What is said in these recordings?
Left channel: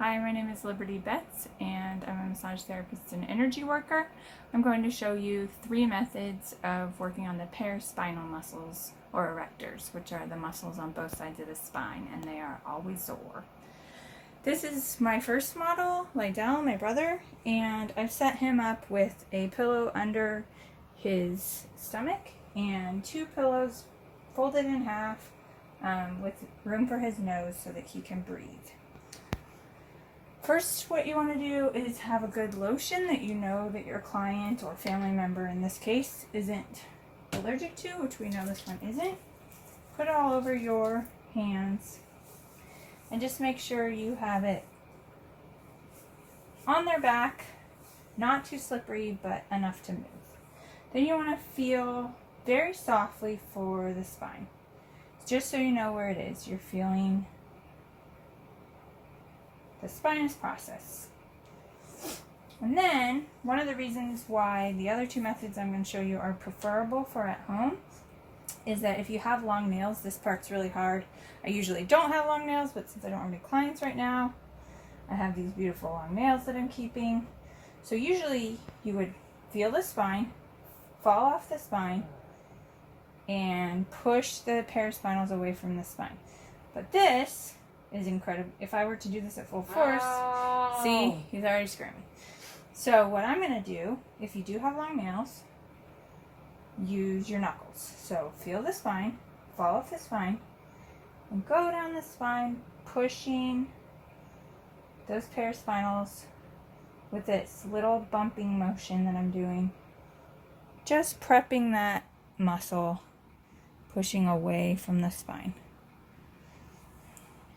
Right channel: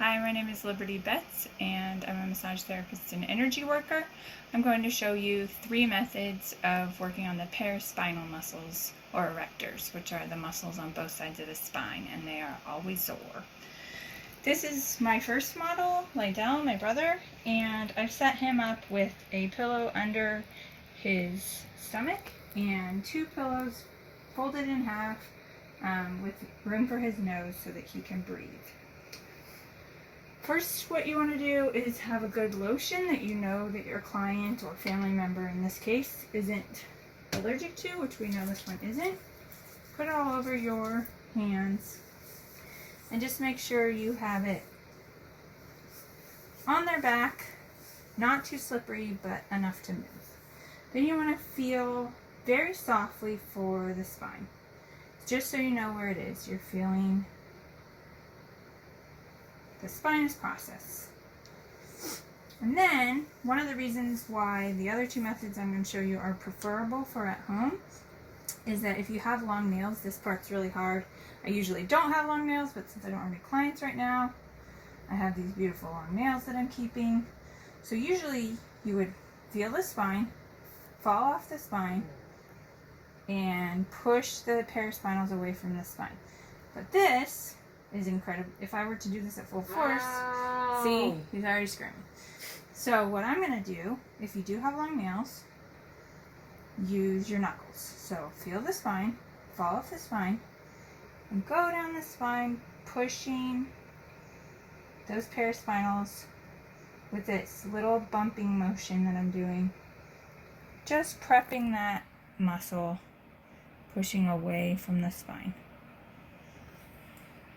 Hi, my name is Liberty Betz, and I'm a massage therapist and energy worker. I'm going to show you 3 methods of working on the paraspinal muscles, or erectors, which are the muscles on both sides of the spine, and they are always sore. This is my first model, Lydell, my brother, and I've set him up with a pillow under his stomach and 2 pillows folded in half with room for his nose so that he can breathe. First, what you want to do is have a good lotion that you know that your client or family member in this case isn't allergic to, which we know this one isn't. Put it all over your hands and just make sure you have it on their back, not too slippery, but enough to move. Then you want to feel very softly for the spine. Just so you know where it is, you're feeling the spinous process. And then, one of the reasons why the other 2 methods I'm going to show you are preferable for at home is that if you have long nails, this part's really hard. I usually don't have long nails, but since I don't have any clients right now, I have these beautiful long nails that I'm keeping. So usually you would feel the spine, fall off the spine, and push the paraspinals away from the spine. But this is incredible. If I were to do this at full force, see, he's already screaming. So what I'm going to do, if you do have long nails, use your knuckles. So feel the spine, fall off the spine, and go down the spine, pushing those paraspinals with this little bumping motion that I'm doing. Just prepping that muscle, pushing away from the spine.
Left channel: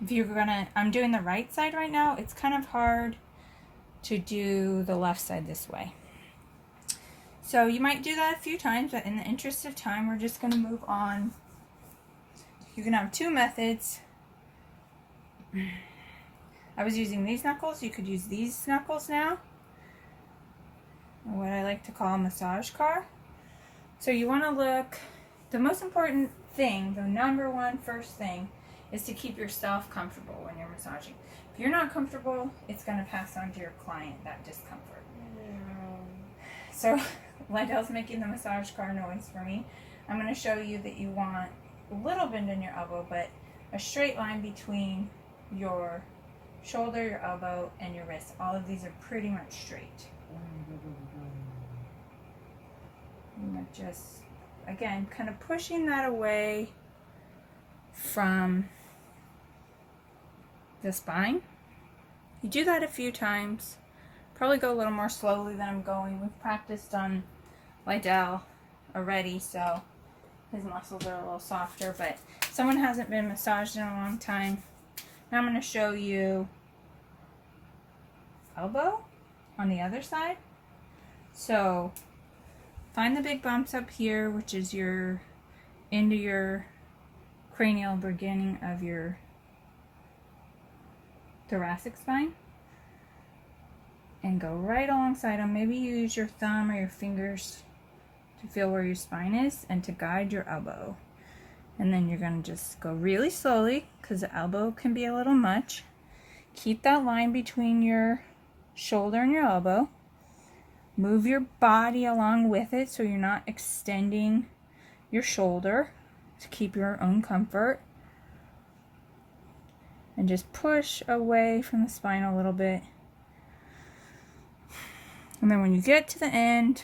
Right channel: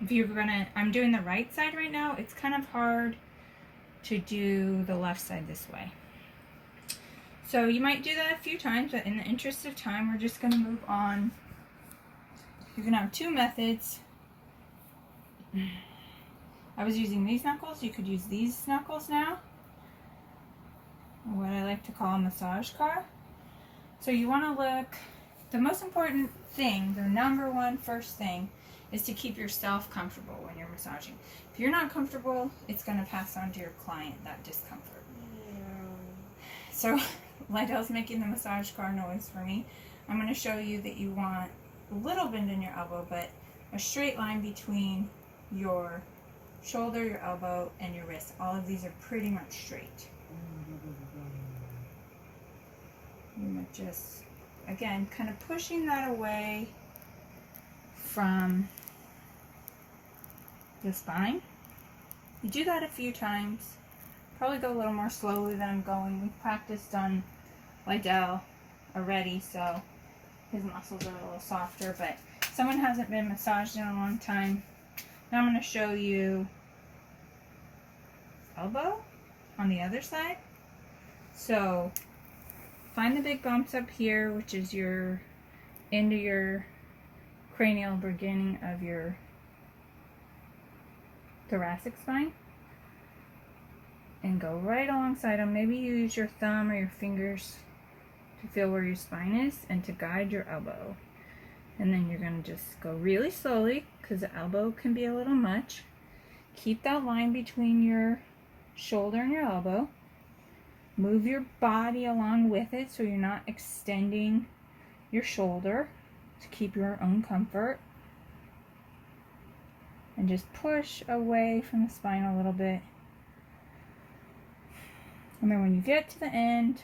If you're gonna, I'm doing the right side right now, it's kind of hard to do the left side this way. So you might do that a few times, but in the interest of time, we're just gonna move on. You can have 2 methods. I was using these knuckles, you could use these knuckles now. What I like to call a massage car. So you wanna look, the most important thing, the number one first thing, is to keep yourself comfortable when you're massaging. If you're not comfortable, it's going to pass on to your client, that discomfort. So, Lydell's making the massage car noise for me. I'm going to show you that you want a little bend in your elbow, but a straight line between your shoulder, your elbow, and your wrist. All of these are pretty much straight. And just, again, kind of pushing that away from the spine. You do that a few times. Probably go a little more slowly than I'm going. We've practiced on Lydell already, so his muscles are a little softer, but someone hasn't been massaged in a long time. Now I'm going to show you elbow on the other side. So find the big bumps up here, which is your into your cranial beginning of your thoracic spine, and go right alongside them. Maybe you use your thumb or your fingers to feel where your spine is and to guide your elbow. And then you're going to just go really slowly because the elbow can be a little much. Keep that line between your shoulder and your elbow. Move your body along with it so you're not extending your shoulder to keep your own comfort. And just push away from the spine a little bit. And then when you get to the end,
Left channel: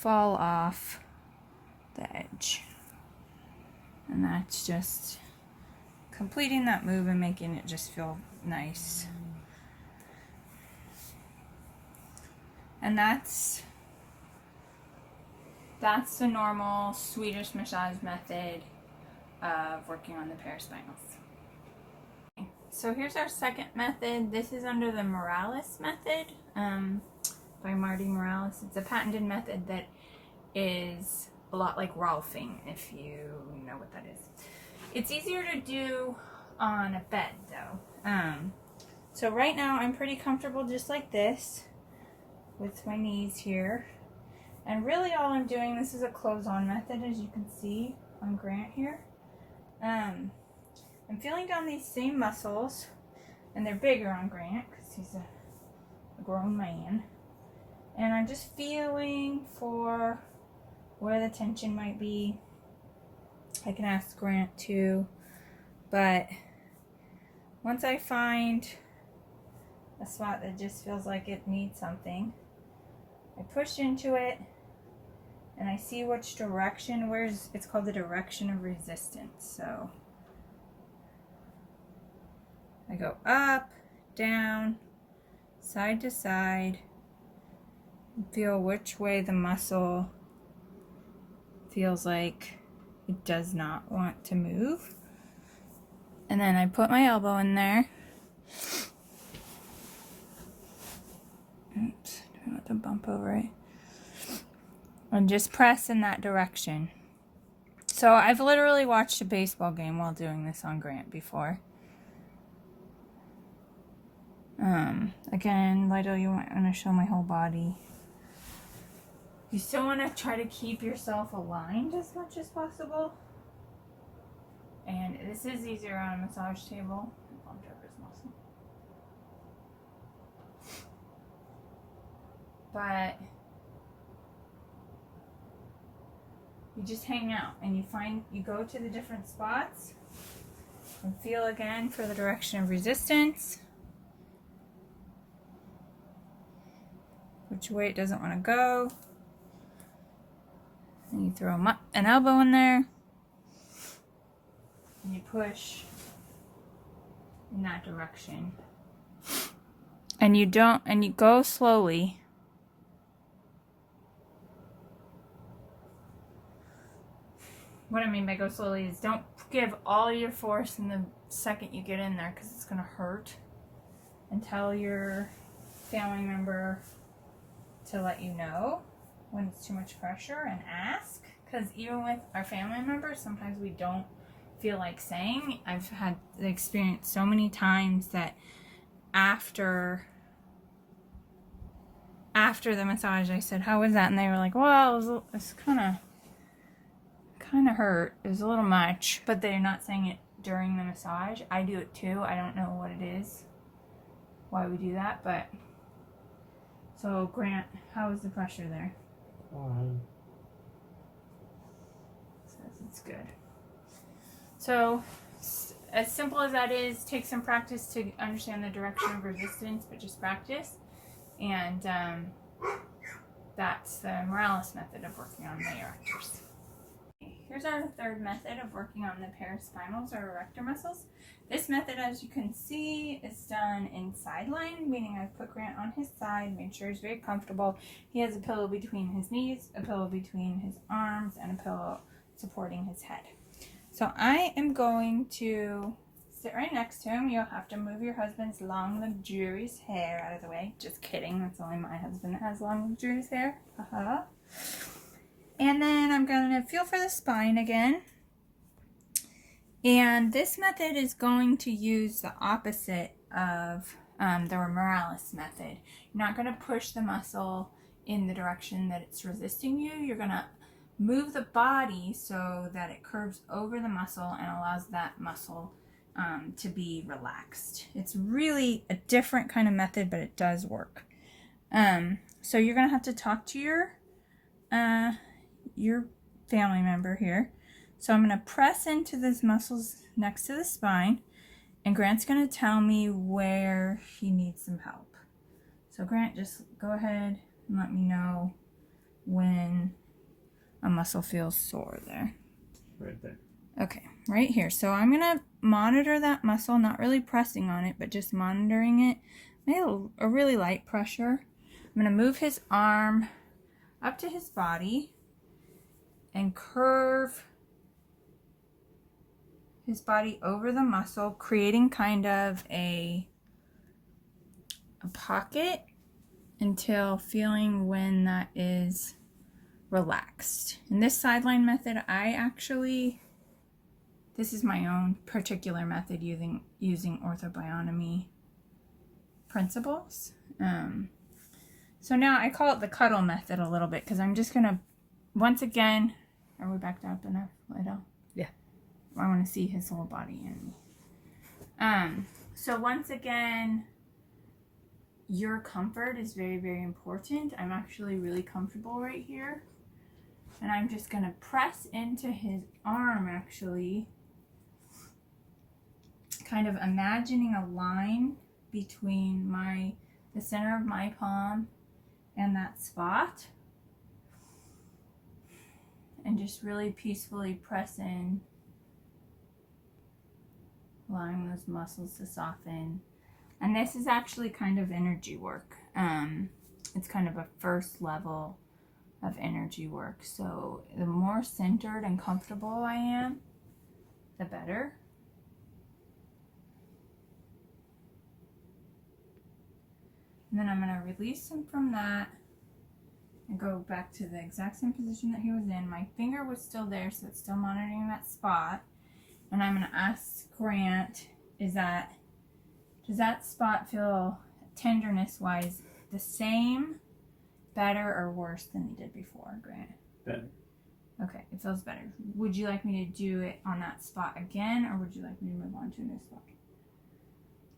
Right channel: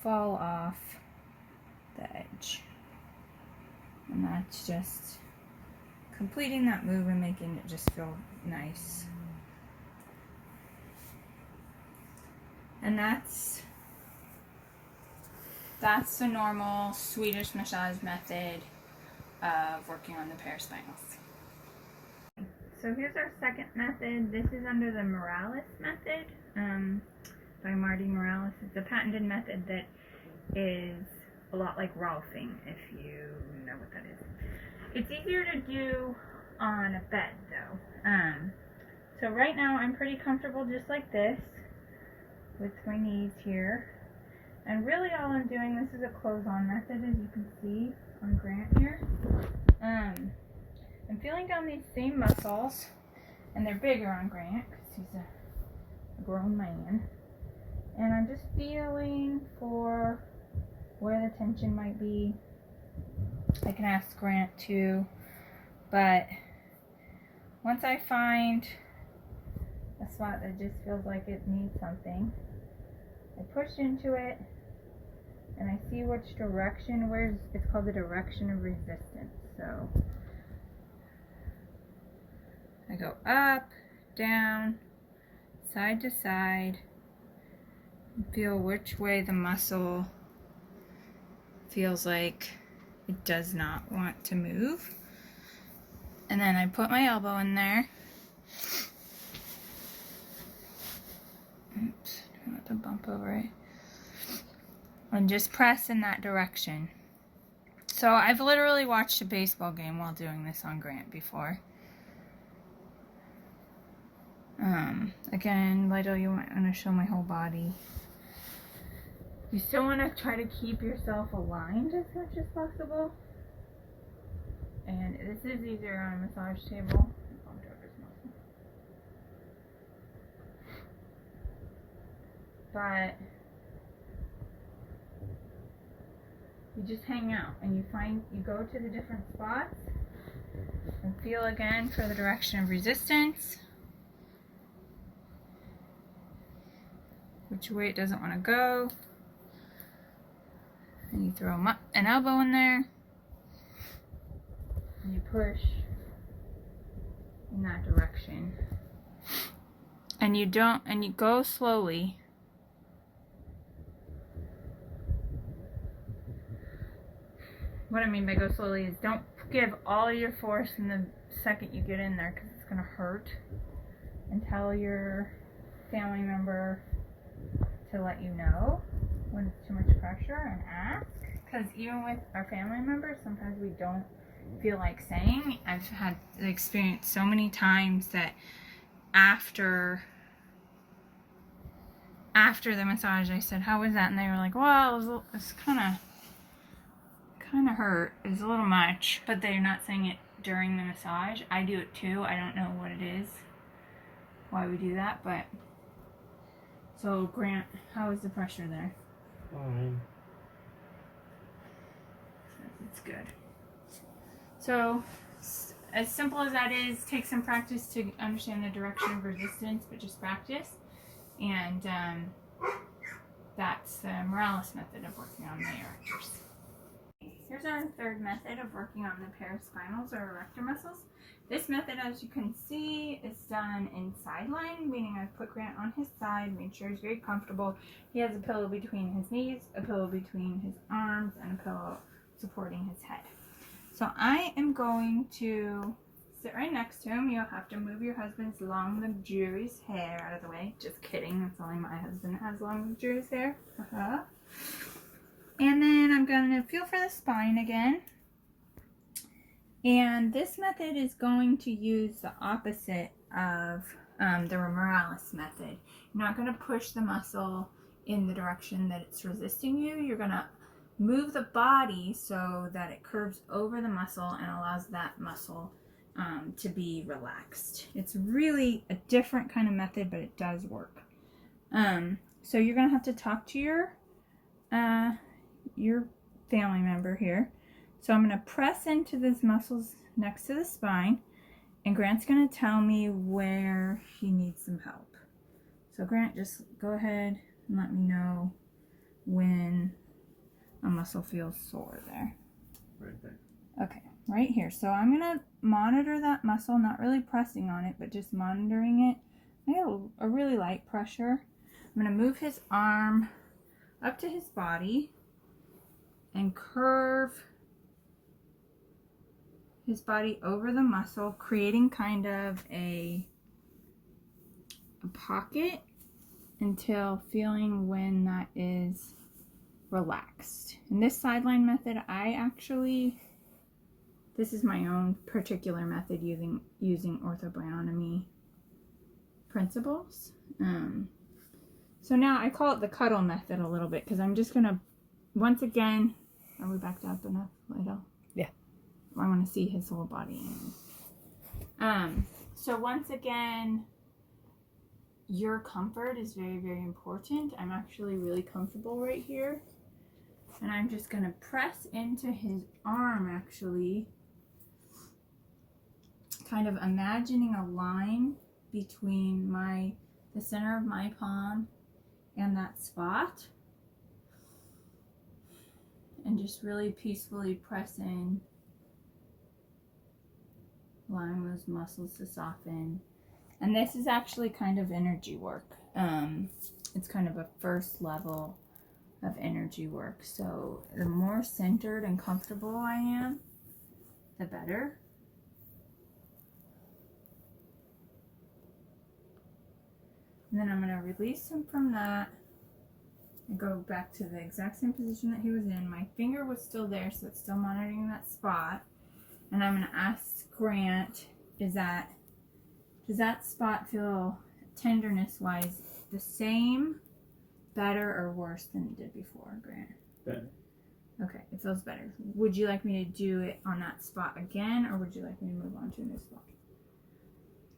fall off the edge. And that's just completing that move and making it just feel nice. And that's the normal Swedish massage method of working on the paraspinals. So here's our second method. This is under the Morales method by Marty Morales. It's a patented method that is a lot like Rolfing, if you know what that is. It's easier to do on a bed though. So right now I'm pretty comfortable just like this with my knees here. And really all I'm doing, this is a close-on method as you can see on Grant here. I'm feeling down these same muscles And they're bigger on Grant because he's a grown man. And I'm just feeling for where the tension might be. I can ask Grant too, but once I find a spot that just feels like it needs something, I push into it and I see which direction, it's called the direction of resistance. So I go up, down, side to side, and feel which way the muscle feels like it does not want to move. And then I put my elbow in there. Oops, try not to bump over it. And just press in that direction. So I've literally watched a baseball game while doing this on Grant before. Again, Lido, you want to show my whole body. You still want to try to keep yourself aligned as much as possible. And this is easier on a massage table. I bumped over his muscle. But you just hang out and you go to the different spots and feel again for the direction of resistance. Which way it doesn't want to go. And you throw an elbow in there. And you push in that direction. And you go slowly. What I mean by go slowly is don't give all your force in the second you get in there because it's going to hurt. And tell your family member to let you know when it's too much pressure and ask. Because even with our family members, sometimes we don't feel like saying. I've had the experience so many times that after the massage I said, how was that? And they were like, well, it was kind of hurt. It was a little much. But they're not saying it during the massage. I do it too. I don't know what it is, why we do that, but so Grant, how is the pressure there? Fine. It's good. So, as simple as that is, take some practice to understand the direction of resistance, but just practice. And that's the Morales method of working on the erectors. Here's our third method of working on the paraspinals or erector muscles. This method, as you can see, is done in side lying, meaning I put Grant on his side, made sure he's very comfortable. He has a pillow between his knees, a pillow between his arms, and a pillow supporting his head. So I am going to sit right next to him. You'll have to move your husband's long, luxurious hair out of the way. Just kidding, that's only my husband that has long, luxurious hair. Haha. And then I'm going to feel for the spine again. And this method is going to use the opposite of the Morales method. You're not going to push the muscle in the direction that it's resisting you. You're going to move the body so that it curves over the muscle and allows that muscle to be relaxed. It's really a different kind of method, but it does work. So you're going to have to talk to your family member here. So I'm going to press into these muscles next to the spine, and Grant's going to tell me where he needs some help. So Grant, just go ahead and let me know when a muscle feels sore there. Right there. Okay, right here. So I'm going to monitor that muscle, not really pressing on it, but just monitoring it. Maybe a really light pressure. I'm going to move his arm up to his body and curve his body over the muscle, creating kind of a pocket until feeling when that is relaxed. In this sideline method, this is my own particular method using orthobionomy principles. So now I call it the cuddle method a little bit because I'm just gonna, once again, are we backed up enough, Lido? Yeah. I want to see his whole body. So once again, your comfort is very, very important. I'm actually really comfortable right here. And I'm just going to press into his arm, actually. Kind of imagining a line between the center of my palm and that spot. And just really peacefully press in, allowing those muscles to soften. And this is actually kind of energy work. It's kind of a first level of energy work. So the more centered and comfortable I am, the better. And then I'm going to release him from that and go back to the exact same position that he was in. My finger was still there, so it's still monitoring that spot. And I'm going to ask Grant, does that spot feel tenderness-wise the same, better, or worse than it did before, Grant? Better. Okay, it feels better. Would you like me to do it on that spot again, or would you like me to move on to a new spot?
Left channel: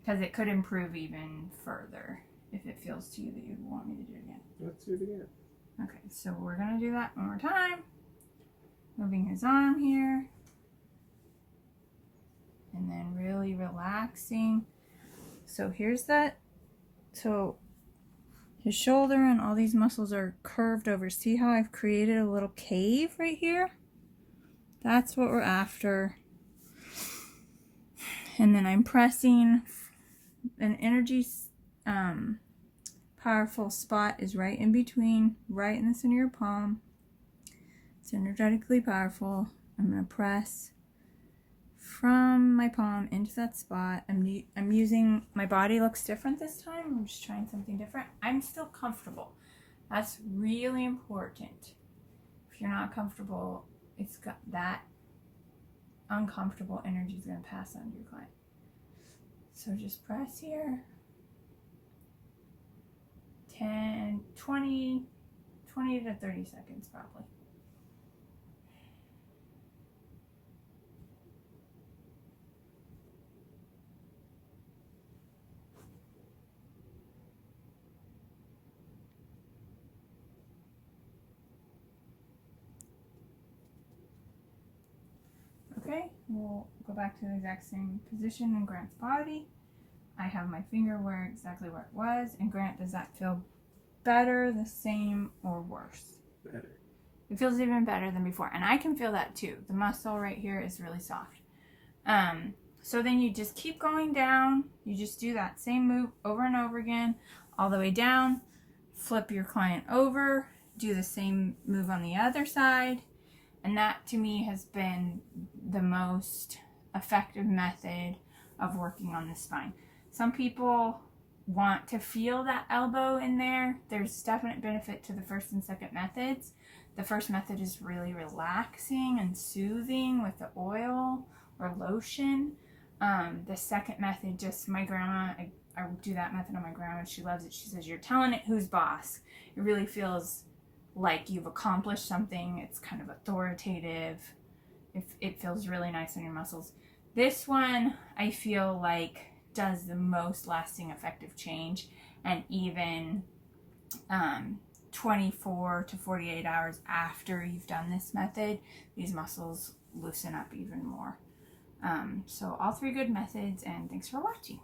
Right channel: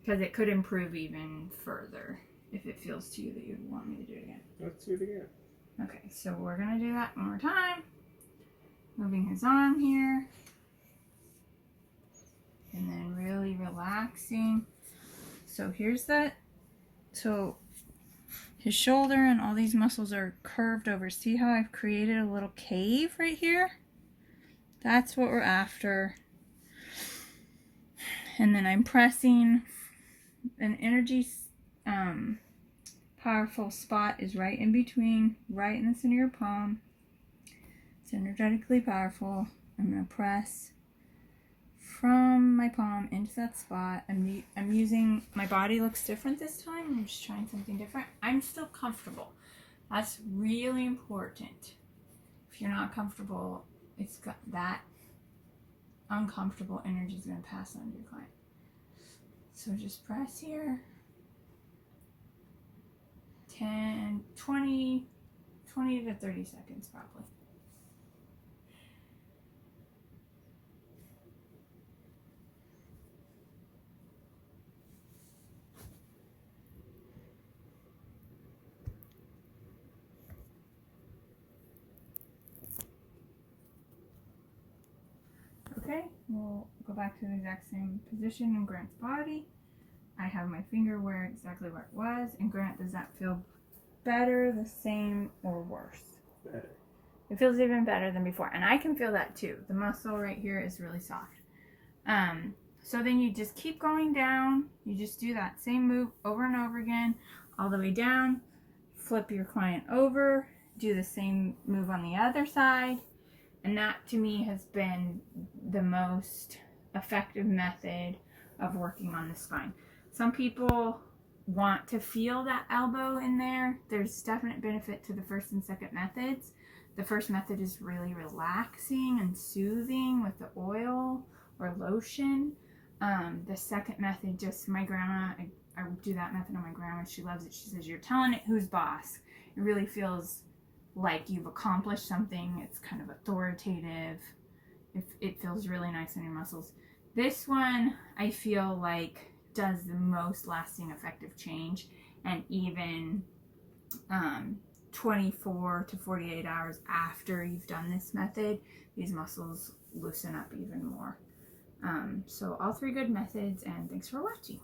Because it could improve even further if it feels to you that you'd want me to do it again. Let's do it again. Okay, so we're going to do that one more time. Moving his arm here. And then really relaxing. So here's that. So his shoulder and all these muscles are curved over. See how I've created a little cave right here? That's what we're after. And then I'm pressing an energy powerful spot is right in between, right in the center of your palm. It's energetically powerful. I'm going to press from my palm into that spot. I'm using, my body looks different this time. I'm just trying something different. I'm still comfortable. That's really important. If you're not comfortable, it's got that uncomfortable energy is going to pass on to your client. So just press here. 10, 20 to 30 seconds probably. Okay, we'll go back to the exact same position in Grant's body. I have my finger exactly where it was. And Grant, does that feel better, the same, or worse? Better. It feels even better than before. And I can feel that too. The muscle right here is really soft. So then you just keep going down. You just do that same move over and over again, all the way down. Flip your client over. Do the same move on the other side. And that to me has been the most effective method of working on the spine. Some people want to feel that elbow in there. There's definite benefit to the first and second methods. The first method is really relaxing and soothing with the oil or lotion. The second method, just my grandma, I do that method on my grandma. She loves it. She says, you're telling it who's boss. It really feels like you've accomplished something. It's kind of authoritative. It feels really nice on your muscles. This one, I feel like does the most lasting effective change, and even 24 to 48 hours after you've done this method, these muscles loosen up even more. So all three good methods, and thanks for watching.